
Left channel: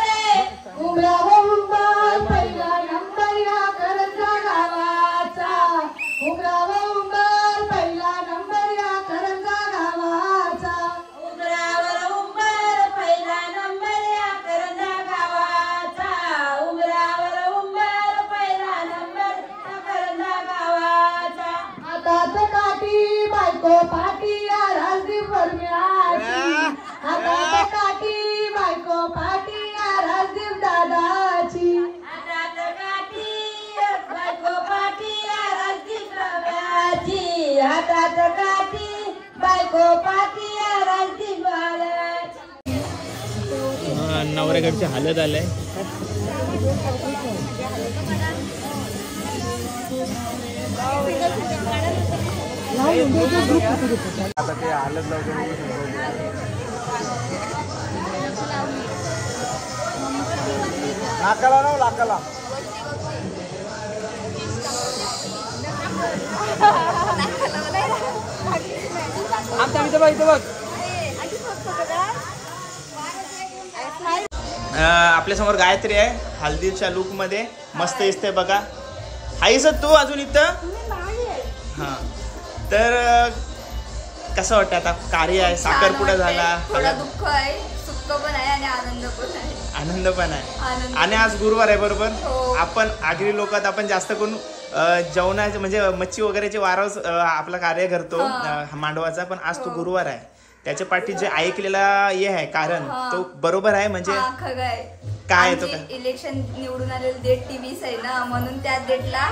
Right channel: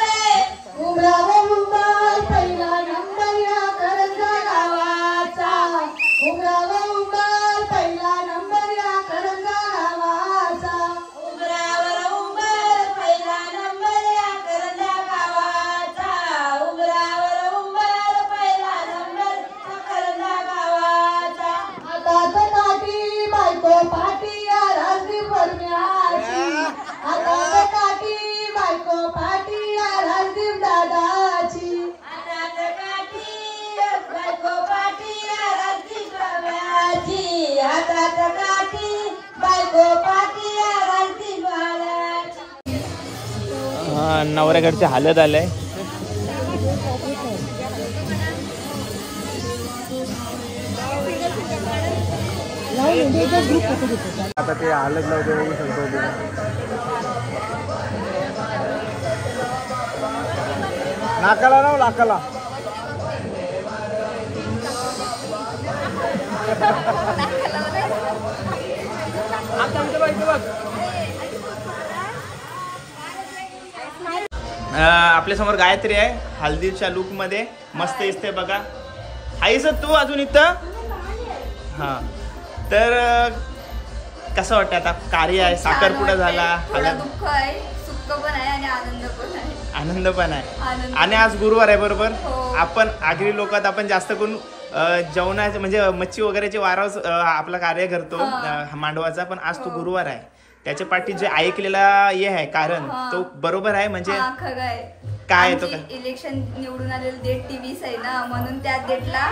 रे. उमराव उंबर पहिला नंबर या करंजा गावाचा, उमराव उंबर पहिला नंबर या करंजा गावाचा. उमरावर उंबर पहिला नंबर या करंजा गावाचा, उमरावर उंबर पहिला नंबर या करंजा गावाचा. हातात काठी बायको पाठी या राजदीप परम्याची, हातात काठी बायको पाठी या राजदीप दादाची. हातात काठी बायको पाठी या राजदीप दादाची, हातात काठी बायको पाठी या राजदीप दादाची. नवऱ्याकडचे हालत आलंय. नाकाला राव नाकाला. आपल्या समोर गायत्री आहे हल्दीच्या लुक मध्ये मस्त दिसते बघा. हायस तू अजून इथं? हा तर कसं वाटतं आता कार्य आहे साखरपुडा झाला, थोडं दुःख आहे, सुख पण आहे आणि आनंद पण आहे. आनंद पण आहे. आनंद. आणि आज गुरुवार आहे बरोबर. हो. आपण आगरी लोकात आपण जास्त करून जेवणाचे म्हणजे मच्छी वगैरेचे वारावर आपला कार्य करतो मांडवाचा. पण आज तो गुरुवार आहे, त्याच्या पाठी जे ऐकलेला हे आहे कारण तो बरोबर आहे. म्हणजे हा, खरं आहे. काय आहे तो आमची काय? इलेक्शन निवडून आलेलं डेट टी20 आहे ना, म्हणून त्या डेटला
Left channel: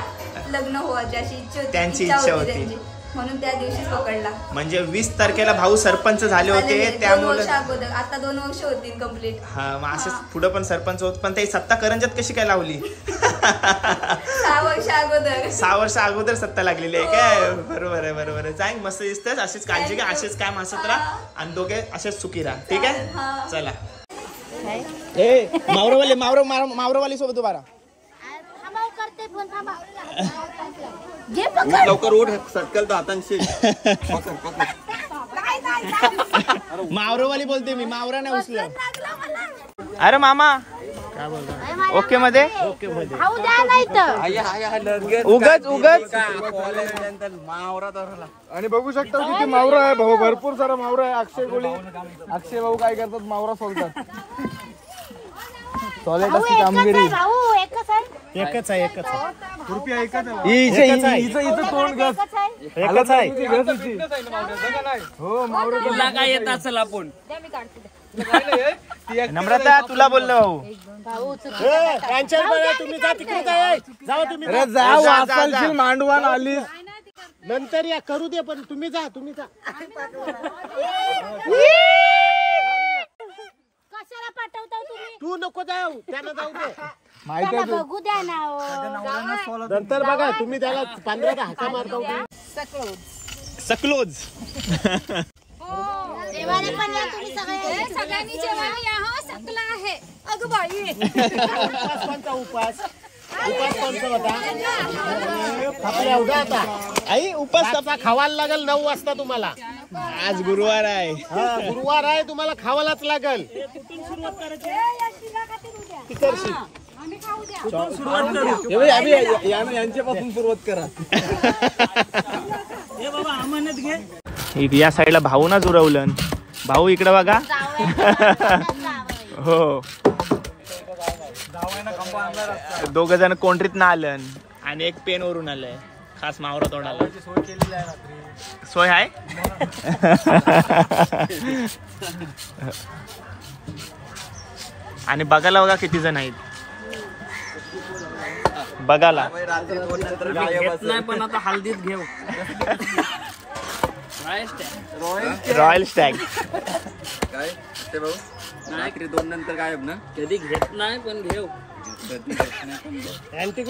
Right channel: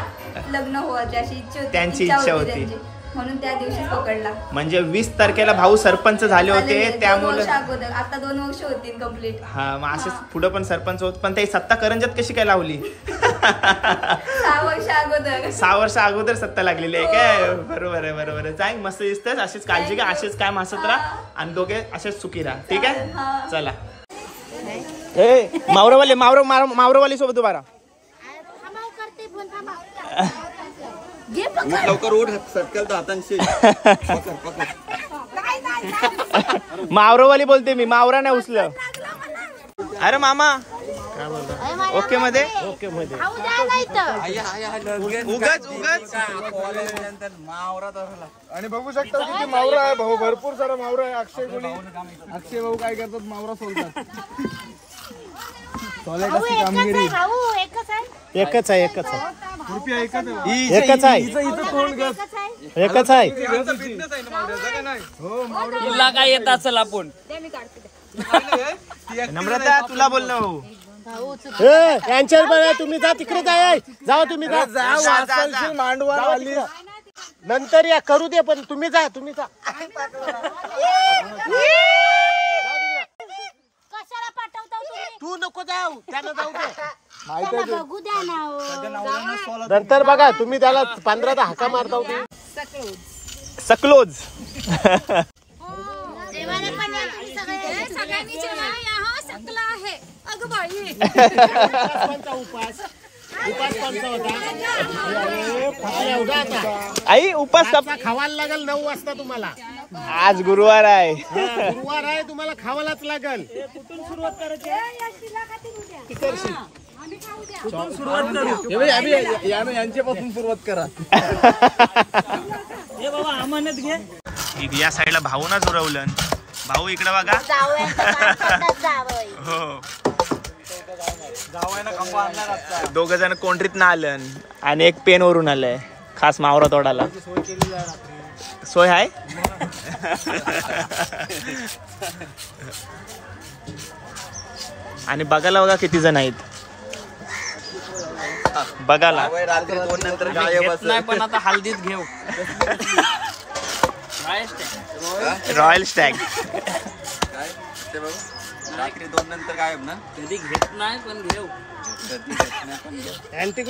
लग्न व्हायची अशी इच्छा होती. त्यांची इच्छा होती. त्यांची. म्हणून त्या दिवशीच पकडला. म्हणजे 20 तारखेला भाऊ सरपंच झाले होते त्यामुळे. आता 2 वर्ष होतील कम्प्लीट. हा मग असेच पुढे पण सरपंच होत. पण ते सत्ता करंजात कशी काय लावली? 6 वर्ष अगोदर. 6 वर्ष अगोदर सत्ता लागलेली आहे काय? बरोबर आहे बरोबर आहे. चांग मस्त दिसतेस. अशीच काळजी घ्या, असेच काय हसत राहा आणि दोघे असेच सुखी राहा. ठीक आहे चला. ए मावरवाली मावरवाली सोबत उभा राहा. लवकर उठ सटकल तर हातांशी. मावरवाली बोलते मी, मावरा नाही उचलं. अरे मामा काय बोलता? ओके मध्ये ओके मध्ये उगच उगच आणि बघू शकता किती मावरा आहे भाऊ, भरपूर सारा मावरा आहे. अक्षय भाऊ काय करतात? मावरा सोलतात. टॉयलेट असते कामगिरी. एकच आहे एकच आहे एकच आहे एकच आहे. तुला काय येत असेल आपण नम्रता तुला बोललो भाऊ. यांच्यावर बघा तुम्ही जा तिकडे काय जा तुम्ही मांडवान आली नंतर या करू दे पण तुम्ही जा तुम्ही जा. कशाला पाठवता तुम्ही? तू नको जाऊ त्यानं जाऊ दे. त्यांना बघू द्या ना. नंतर बघा तुम्ही त्याला 15 हाका मारता. सकलोज. जेवायला पण या तुम्ही सगळ्यांनी जेवायला या हो. सकला आहे अगं बाई. उपास कोणता उपास उपास कोणता होता आपल्या उद्या आता आई उपास रातचा खावायला लागेल 9 वाजता तुम्हाला. आज गुरुवार आहे. गुरुवार आहे तुम्हाला खावायलाच लागेल. कुठून सुरुवात करायची यांच्यापासून सुरुवात करा. या साईडला भाऊ ना जुरवलं. भाऊ इकडे बघा. हो दोघ जण कोंडरीत ना आलं आणि एक पेन वरून आलंय खास मावरा तोडाला. सोय आहे. आणि बघायला बघा किती जण आहेत बघायला. नाही पण आता हल्दीत घेऊ. Royal Stag. काय ते भाऊ रात्री 2 नंतर गायब ना. कधी घेत नाही पण घेऊ. अँटी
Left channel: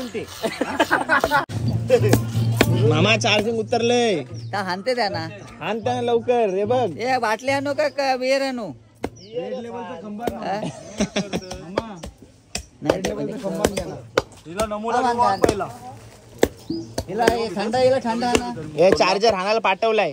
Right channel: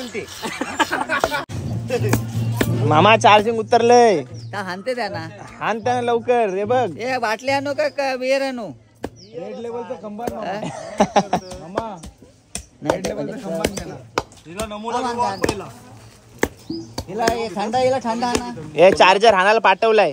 मामा चार्जिंग उतरलंय. हानते त्या ना हान त्यानं लवकर. रे बघ ए बाटली आणू का बियर आणू? हिला थंडा ना. हे चार्जर हाणाला पाठवलाय.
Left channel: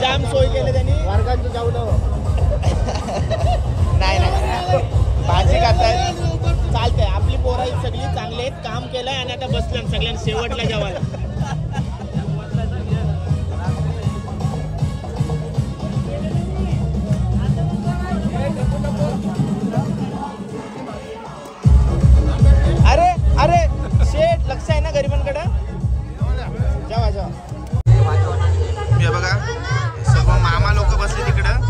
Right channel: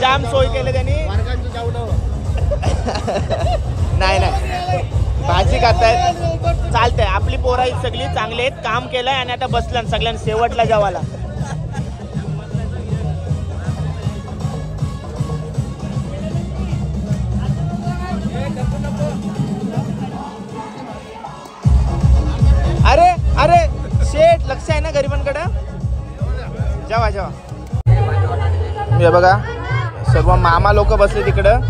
जाम सोय केले त्यांनी. नाही भाजी खाताय चालतंय. आपली पोरं सगळी चांगली आहेत. काम केलंय आणि आता बसलं सगळ्यांनी शेवटला जेवायला. अरे अरे शेठ लक्ष आहे ना गरिबांकडे. जेवा जेवा. हे बघा सर्व मामा लोक बसले तिकडं.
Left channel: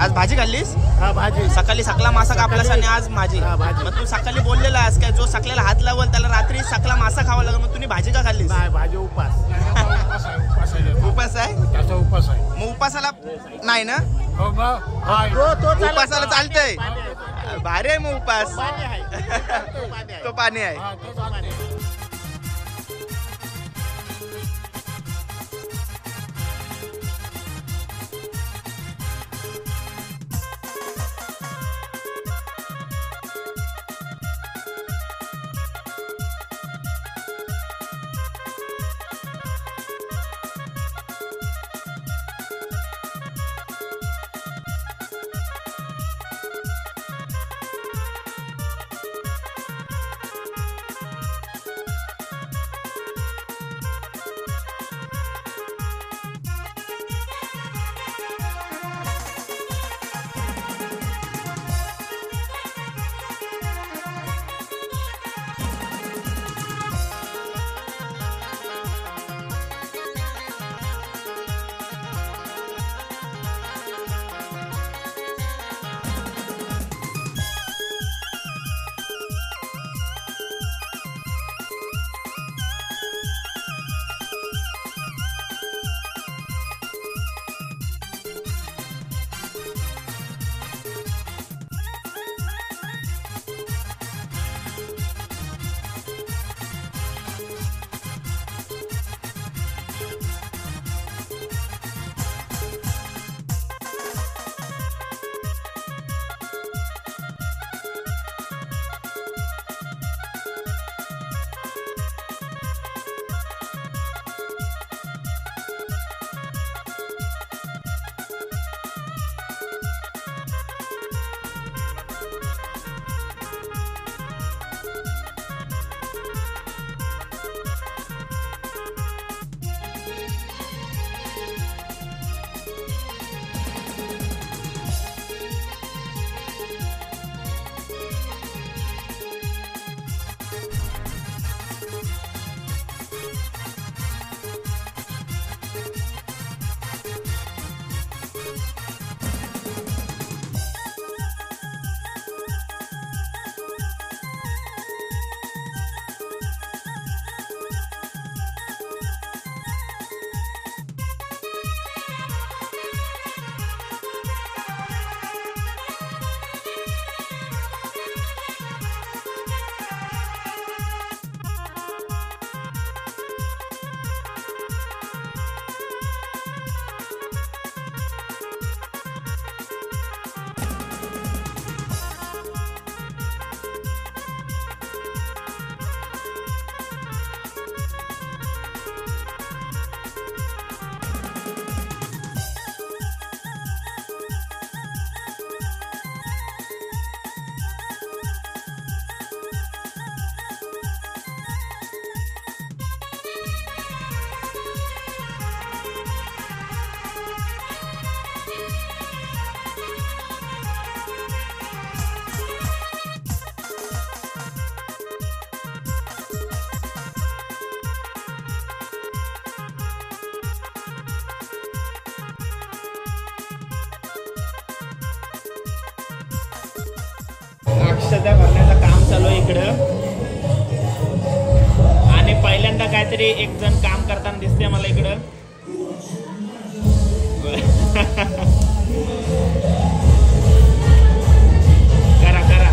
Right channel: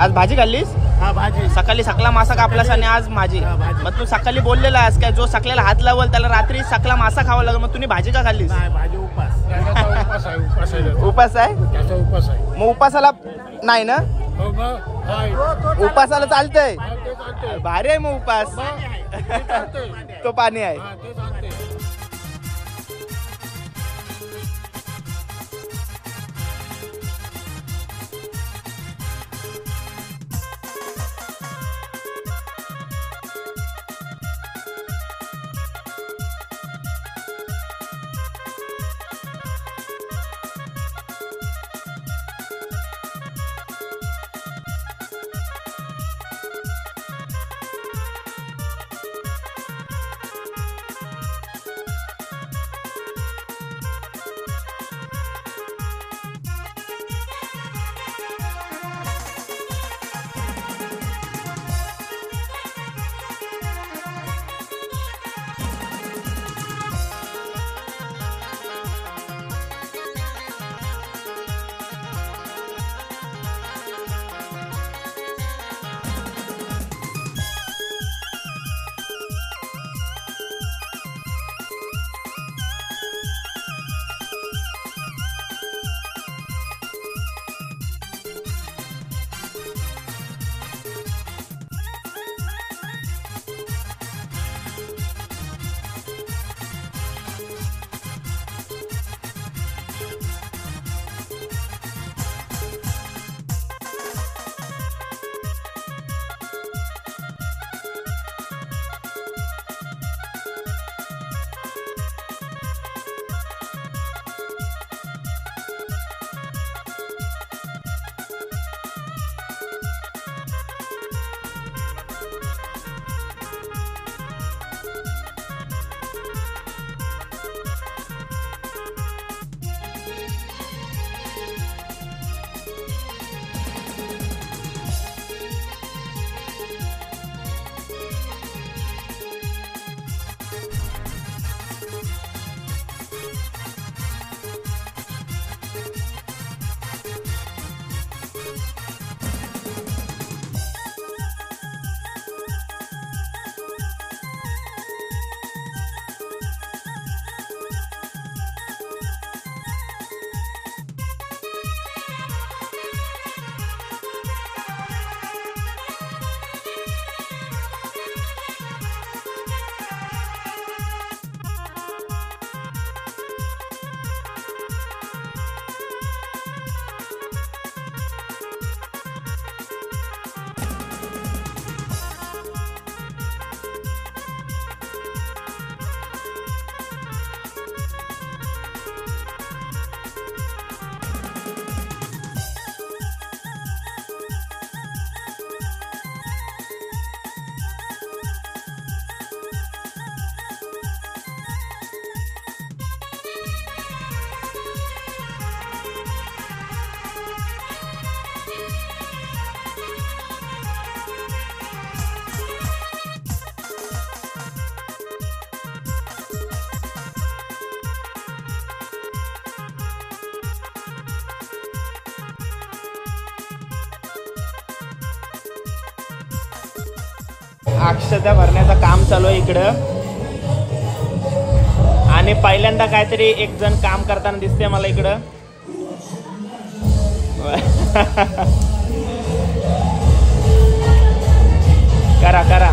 आज भाजी खाल्लीस? हा भाजी. सकाळी सकला मासा कापलास आणि आज माझी. मग तू सकाळी बोललेला आज काय जो सकल्याला हात लावल त्याला रात्री सकला मासा खावा लागेल. मग तुम्ही भाजी का खाल्लीस? भाजी उपास. उपास आहे. त्याचा उपास आहे. मग उपासाला नाही ना. उपासाला चालतंय. भारी आहे मग उपास. तो पाणी आहे. अक्षता भरण्याचं काम चालू आहे इकडं आणि पहिल्यांदा काहीतरी एक जण काम करताना दिसते मला इकडं. करा करा.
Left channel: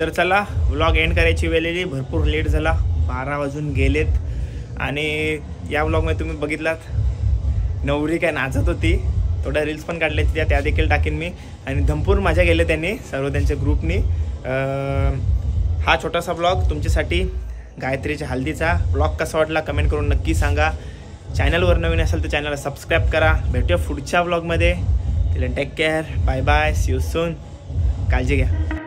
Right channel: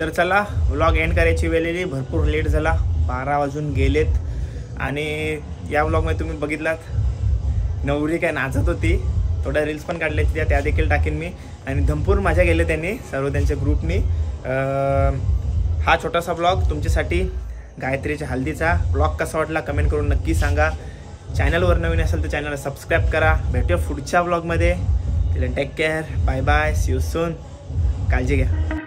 तर चला व्लॉग एंड करायची वेळ आली. भरपूर लेट झाला, 12 वाजून गेलेत. आणि या व्लॉगमध्ये तुम्ही बघितलात नवरी काय नाचत होती. थोड्या रील्स पण काढल्या त्या देखील टाकेन मी. आणि धमपूर मजा गेले त्यांनी सर्व त्यांच्या ग्रुपनी. हा छोटासा ब्लॉग तुमच्यासाठी गायत्रीच्या हल्दीचा. ब्लॉग कसा वाटला कमेंट करून नक्की सांगा. चॅनलवर नवीन असेल तर चॅनलला सबस्क्राईब करा. भेटूया पुढच्या ब्लॉगमध्ये. Take care, bye bye, see you soon. काळजी घ्या.